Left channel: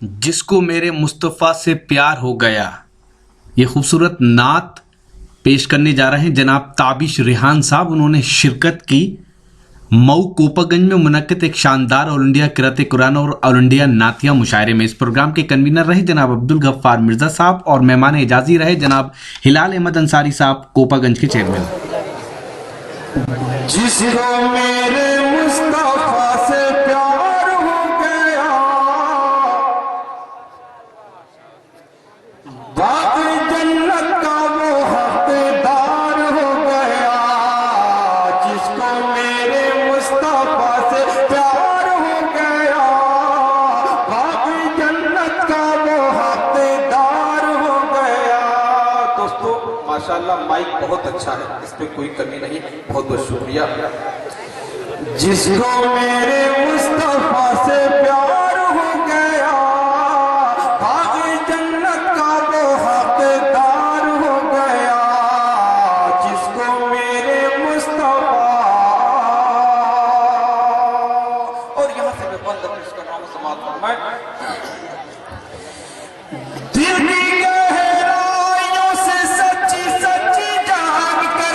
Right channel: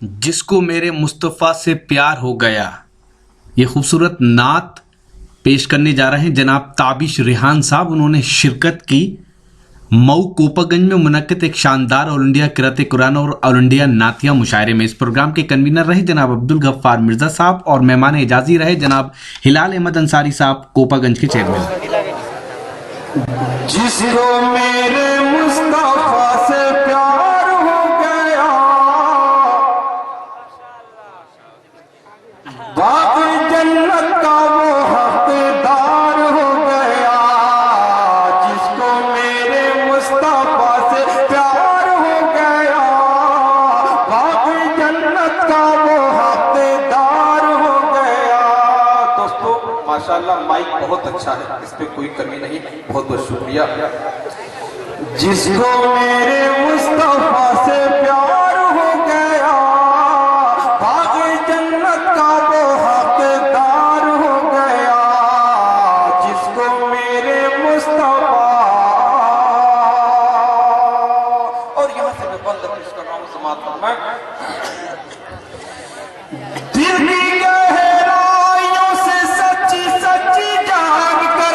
جس کو میرے مصطفیٰ سے پیار ہو گیا. یہ خوبصورت نعت پیش کرنے جا رہے ہیں جناب تابش ریحان صاحب. انہوں نے شرکت کی مئو کوپا گنج میں منعقد ایک شاندار آل انڈیا قرأت قرآن اور آل انڈیا نعتیہ مشاعرے میں. اس پروگرام کے کنوینر رہے جناب عبدالغفار مرزا صاحب اور مہمان اعزازی رہے جناب ہلال احمد انصاری صاحب کوپا گنج کے چیئرمین. جس کو میرے مصطفیٰ سے پیار ہو گیا باغ جنت کا وہ حقدار ہو گیا. جس کو میرے مصطفیٰ سے پیار ہو گیا باغ جنت کا وہ حقدار ہو گیا. دوستو ماشاءاللہ مائک بہت اچھا ہے, اس پہ کوئی کمی نہیں, بہت بہت شکریہ. جس کو میرے مصطفیٰ سے پیار ہو گیا باغ جنت کا وہ حقدار ہو گیا. جس کو میرے مصطفیٰ, اور یہاں سے میں بند پیش کر رہا ہوں سماعت فرمائیں. دل کی گہرائیوں سے سچی سچی جاگ کر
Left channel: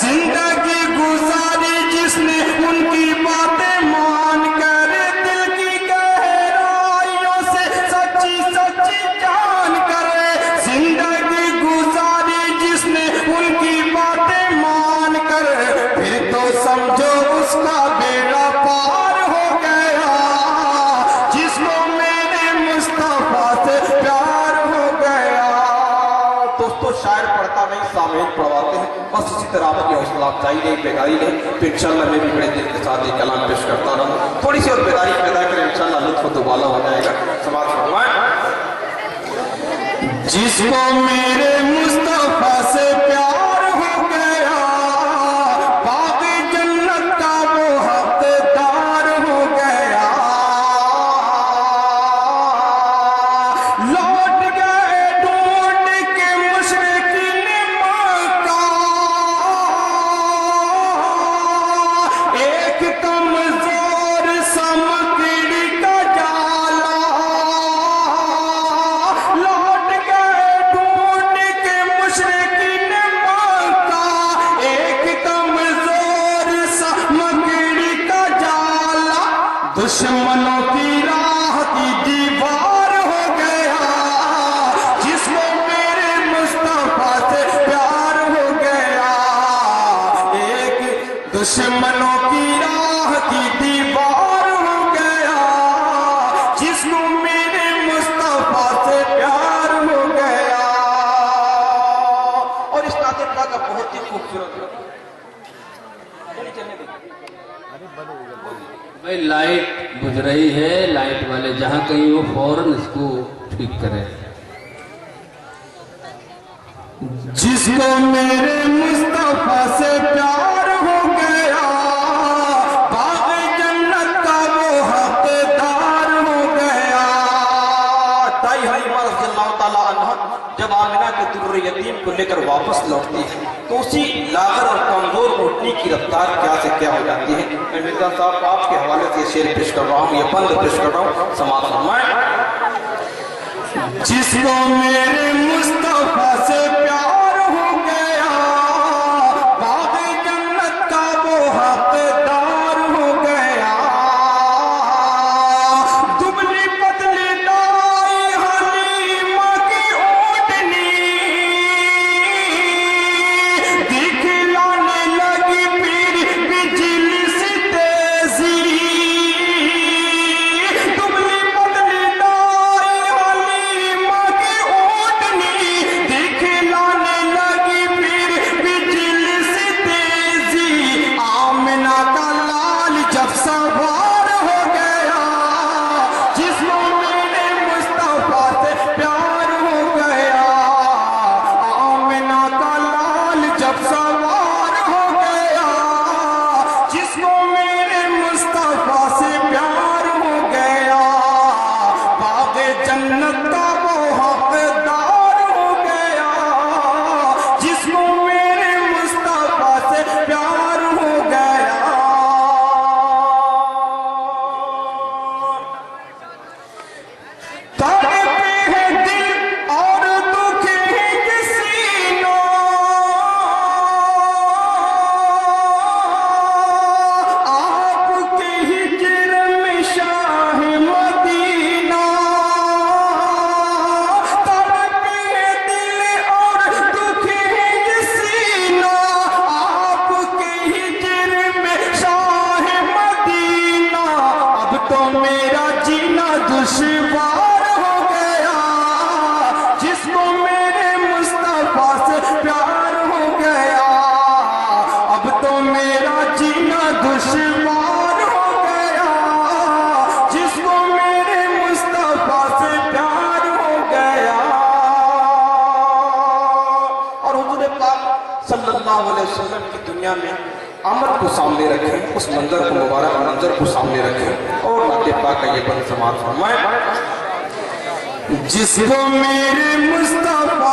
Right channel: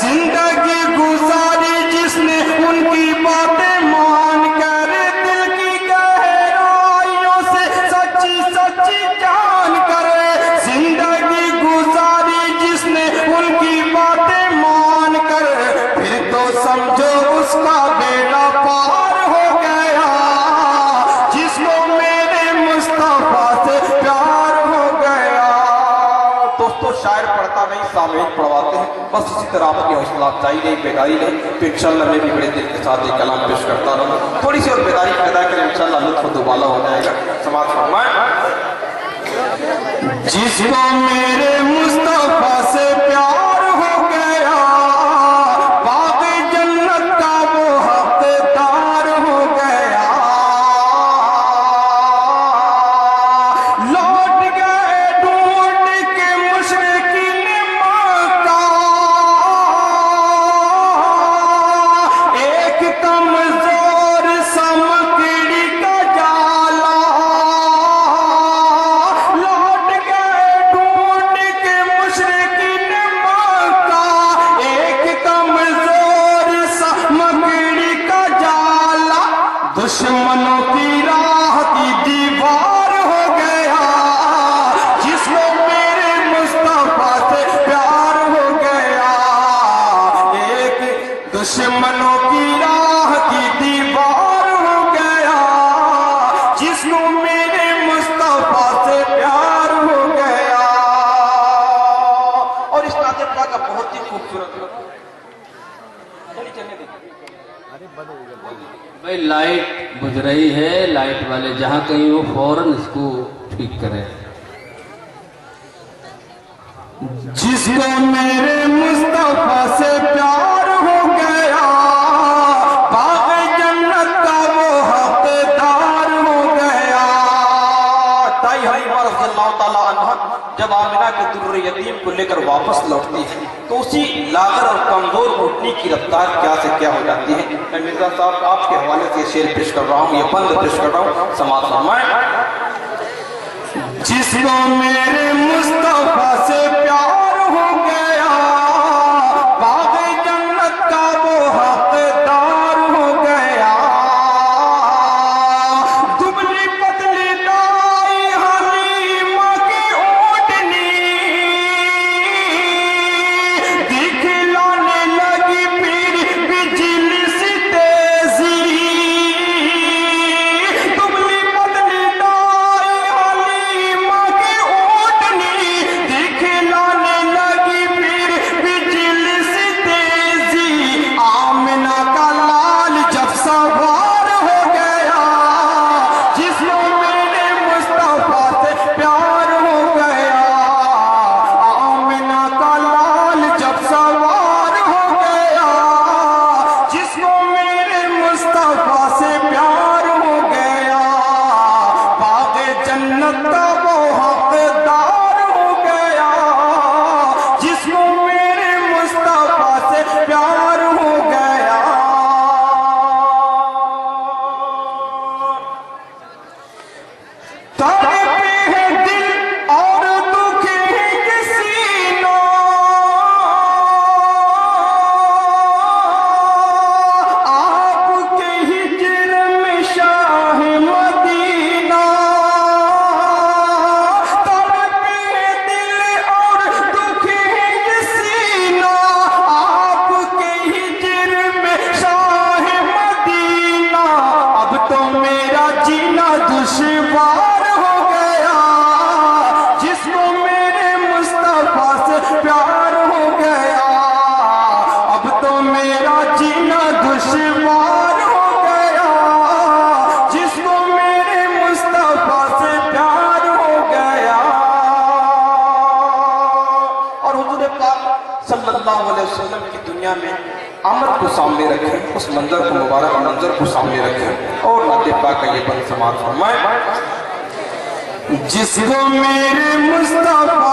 زندگی گزاری جس نے ان کی باتیں مان کر. دل کی گہرائیوں سے سچی سچی جان کر زندگی گزاری جس نے ان کی باتیں مان کر. پھر تو سمجھو اس کا بیڑا پار ہو گیا. جس کو میرے مصطفیٰ سے پیار ہو گیا. دوستو شاعر پڑھتا نہیں, سامعین پڑھواتے ہیں, بس اسی طرح آپ کی حوصلہ افزائی نہیں, بیداری نہیں. پھر انشاءاللہ میں بھی بڑے دل کے ساتھ ایک کلام پیش کرتا رہوں, تھوڑی سی اور بیداری پیدا کریں, انشاءاللہ لطف و دوبالا ہو جائے گا. سماعت فرمائیں. جس کو میرے مصطفیٰ سے پیار ہو گیا باغ جنت کا وہ حقدار ہو گیا. لوٹ گئے ڈھونڈ کے مشرقین مکہ ایک کمزور سا مکڑی کا جالا. لوٹ گئے ڈھونڈ کے مشرقین مکہ ایک کمزور سا مکڑی کا جالا. دشمنوں کی راہ کی دیوار ہو گیا. جس کو میرے مصطفیٰ سے پیار ہو گیا ایک دشمنوں کی راہ کی دیوار ہو گیا. جس کو میرے مصطفیٰ سے پیار ہو گیا. اور اس نعت پاک کا بہت ہی خوبصورت بھائی لائٹ بجھ رہی ہے, لائٹ والے جہاں کہیں وہ فوراً اس کو ٹھیک کریں. جس کو میرے مصطفیٰ سے پیار ہو گیا باغ جنت کا وہ حقدار ہو گیا. تائی حلیمہ رضی اللہ تعالیٰ عنہ جب آمنہ کے در یتیم کو لے کر واپس لوٹتی ہے تو اسی لاغر اور کمزور اٹھنے کی رفتار کیا سے کیا ہو جاتی ہے. میں مرزا صاحب آپ کے حوالے سے شعر پیش کر رہا ہوں, یہ بند پیش کر رہا ہوں, سماعت فرمائیں. جس کو میرے مصطفیٰ سے پیار ہو گیا باغ جنت کا وہ حقدار ہو گیا. دبلی پتلی دائی حلیمہ کی اونٹنی دکھلانے لگی پھر بجلی سی تیزی. دبلی پتلی دائی حلیمہ کی اونٹنی دکھلانے لگی پھر بجلی سی تیزی. آمنہ کا لال جب سوار ہو گیا جس کو میرے مصطفیٰ سے پیار ہو گیا. آمنہ کا لال جب سوار ہو گیا جس کو میرے مصطفیٰ سے پیار ہو گیا. باغ جنت کا وہ حقدار ہو گیا. جس کو میرے مصطفیٰ سے پیار ہو گیا. علیہ وسلم کی دنیا میں آمد کو سامنے رکھیں، اس منظر کو، مبارک منظر کو سامنے رکھیں اور نعت پاک کا یہ بند سماعت فرمائیں۔ جس کو میرے مصطفیٰ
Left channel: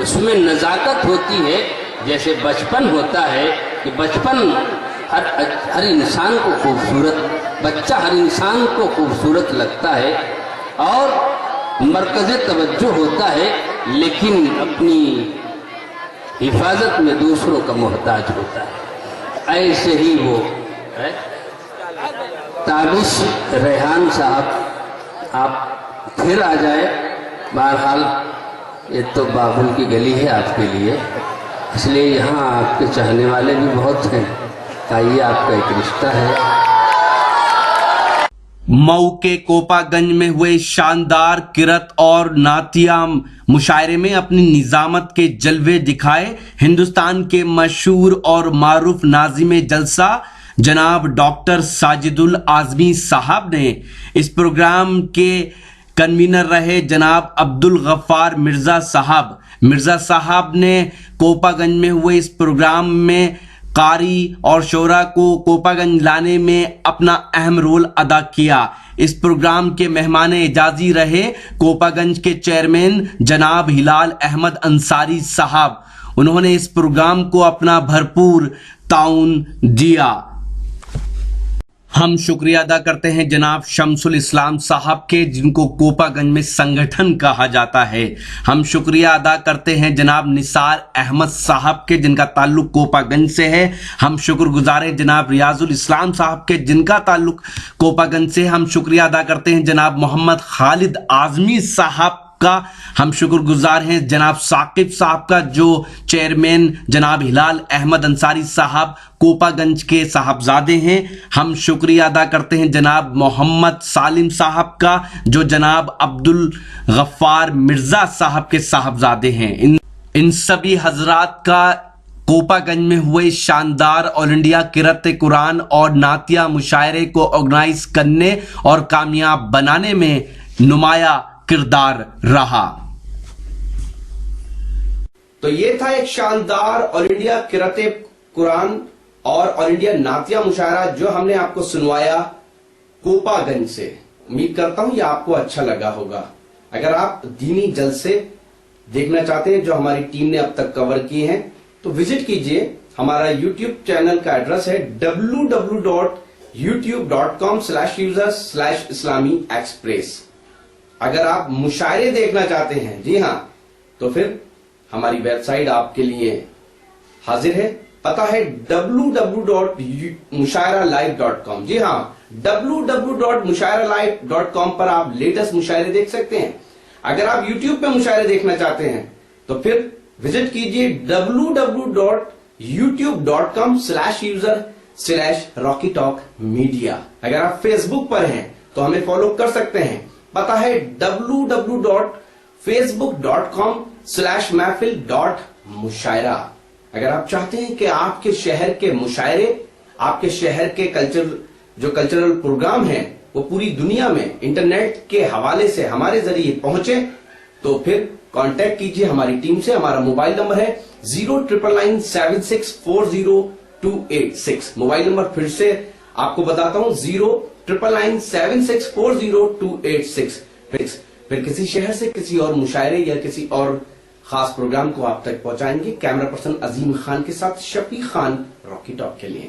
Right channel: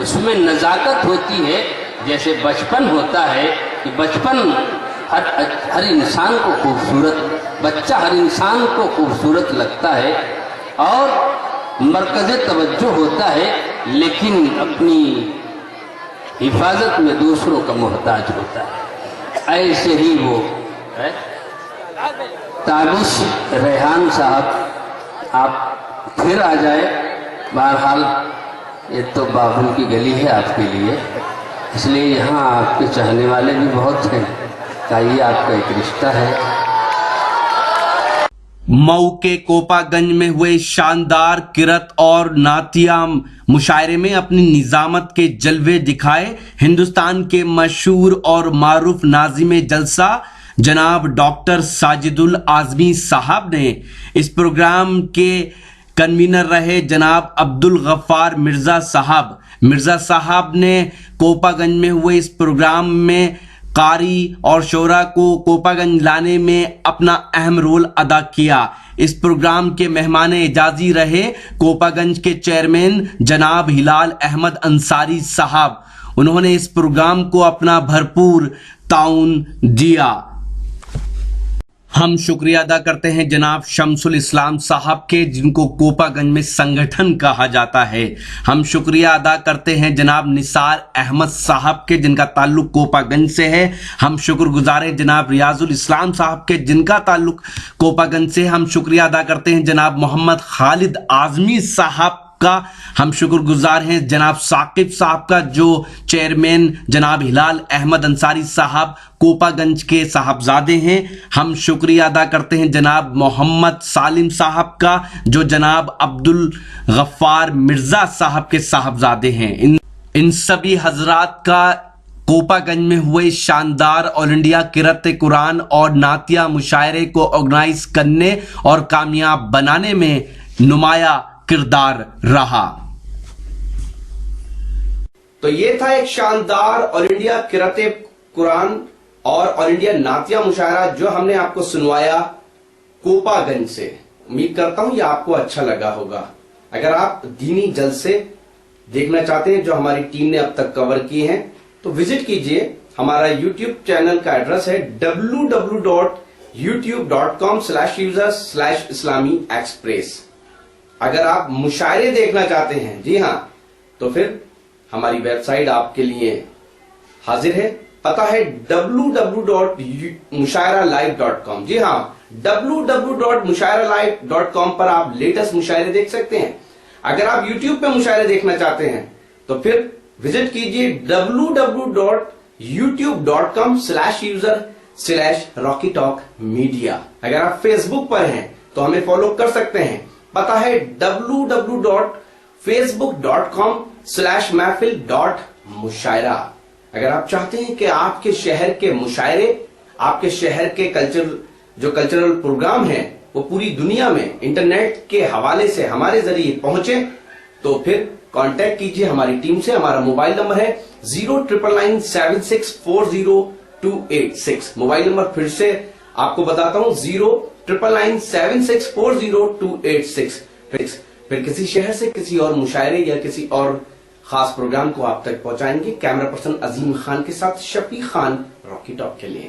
اس میں نزاکت ہوتی ہے. جیسے بچپن ہوتا ہے کہ بچپن ہر انسان کو خوبصورت، بچہ ہر انسان کو خوبصورت لگتا ہے اور مرکز توجہ ہوتا ہے، لیکن اپنی حفاظت میں دوسروں کا محتاج ہوتا ہے. ایسے ہی وہ تابش ریحان صاحب آپ پھر آ جائے. بہرحال یہ تو بابل کی گلی ہے آپ کے لیے، اس لیے یہاں آپ کے چاہنے والے بھی بہت ہیں. یہ آپ کا ایک رشتہ ہے. مئو کے کوپا گنج میں ہوئے شاندار کرت اور ناتیہ مشاعرے میں اپنی نظامت کے جلوے دکھائے ہندوستان کے مشہور اور معروف ناظم جلسہ جناب ڈاکٹر ساجد الاعظمی صاحب نے. اس پروگرام کے کنوینر رہے جناب عبدالغفار مرزا صاحب نے کوپا گنج میں ہوئے اس پروگرام میں قاری اور شعراء کو کوپا گنج لانے میں اپنا اہم رول ادا کیا. اس پروگرام کے مہمان اعزازی رہے کوپا گنج کے چیئرمین جناب ہلال احمد انصاری صاحب. انہوں نے اس پروگرام کو اپنا بھرپور تعاون دیا. ہم شکریہ ادا کرتے ہیں جناب شمس الاسلام صاحب کے، جن کو کوپا گنج میں سنگٹھن کہا جاتا ہے. ہم شکریہ ادا کرتے ہیں جناب نثار احمد صاحب کے، جن کا تعلق کوپا گنج سے ہے. ہم شکر گزار ہیں جناب ریاض الاسلام صاحب کے، جن کا تعلق کوپا گنج سے. ہم شکریہ ادا کرتے ہیں جناب محمد خالد اعظمی صاحب کا. ہم شکر گزار ہیں جناب ثاقب صاحب کا، جو چیئرمین جناب ہلال احمد انصاری صاحب کوپا گنج کے صاحبزادے ہیں. ہم شکریہ ادا کرتے ہیں جناب محمد سالم صاحب کا، جو جناب عبدالغفار مرزا صاحب کے صاحبزادے ہیں. ان سبھی حضرات کا کوپا گنج میں ہوئے شاندار آل انڈیا قرأت قرآن اور نعتیہ مشاعرے کو آرگنائز کرنے اور کامیاب بنانے میں نمایاں کردار رہا. تو یہ تھا ایک شاندار آل انڈیا قرأت قرآن اور آل انڈیا نعتیہ مشاعرہ جو ہم نے آپ کو سنوایا کوپا گنج سے. امید کرتا ہوں یہ آپ کو اچھا لگا ہوگا. اگر آپ دینی جلسے دیکھنا چاہتے ہیں جو ہماری ٹیم نے اب تک کور کیے ہیں تو وزٹ کیجئے. ہمارا یوٹیوب چینل کا ایڈریس ہے www.youtube.com/user/islami-express. اگر آپ مشاعرے دیکھنا چاہتے ہیں، جی ہاں، تو پھر ہماری ویب سائٹ آپ کے لیے حاضر ہے. پتہ ہے www.mushairalive.com. جی ہاں، www.mushairalive.com پر آپ لیٹسٹ مشاعرے دیکھ سکتے ہیں. اگر آپ یوٹیوب پہ مشاعرے دیکھنا چاہتے ہیں تو پھر وزٹ کیجئے www.youtube.com/user/RockyTalkMedia. اگر آپ فیس بک پر ہیں تو ہمیں فالو کر سکتے ہیں. پتہ ہے www.facebook.com/mahfil.mushaira. اگر آپ چاہتے ہیں کہ آپ کے شہر کے مشاعرے، آپ کے شہر کے کلچرل پروگرام ہیں وہ پوری دنیا میں انٹرنیٹ کے حوالے سے ہمارے ذریعے پہنچے، تو پھر کانٹیکٹ کیجئے ہماری ٹیم سے. ہمارا موبائل نمبر ہے 09997640286. موبائل نمبر پھر سے آپ کو بتاتا ہوں 09997640286. پھر کسی شہر سے کسی اور مشاعرے یا کسی اور خاص پروگرام کو آپ تک پہنچائیں گے. کیمرہ پرسن عظیم خان کے ساتھ شفیق خان، راکی ٹاک کے لیے.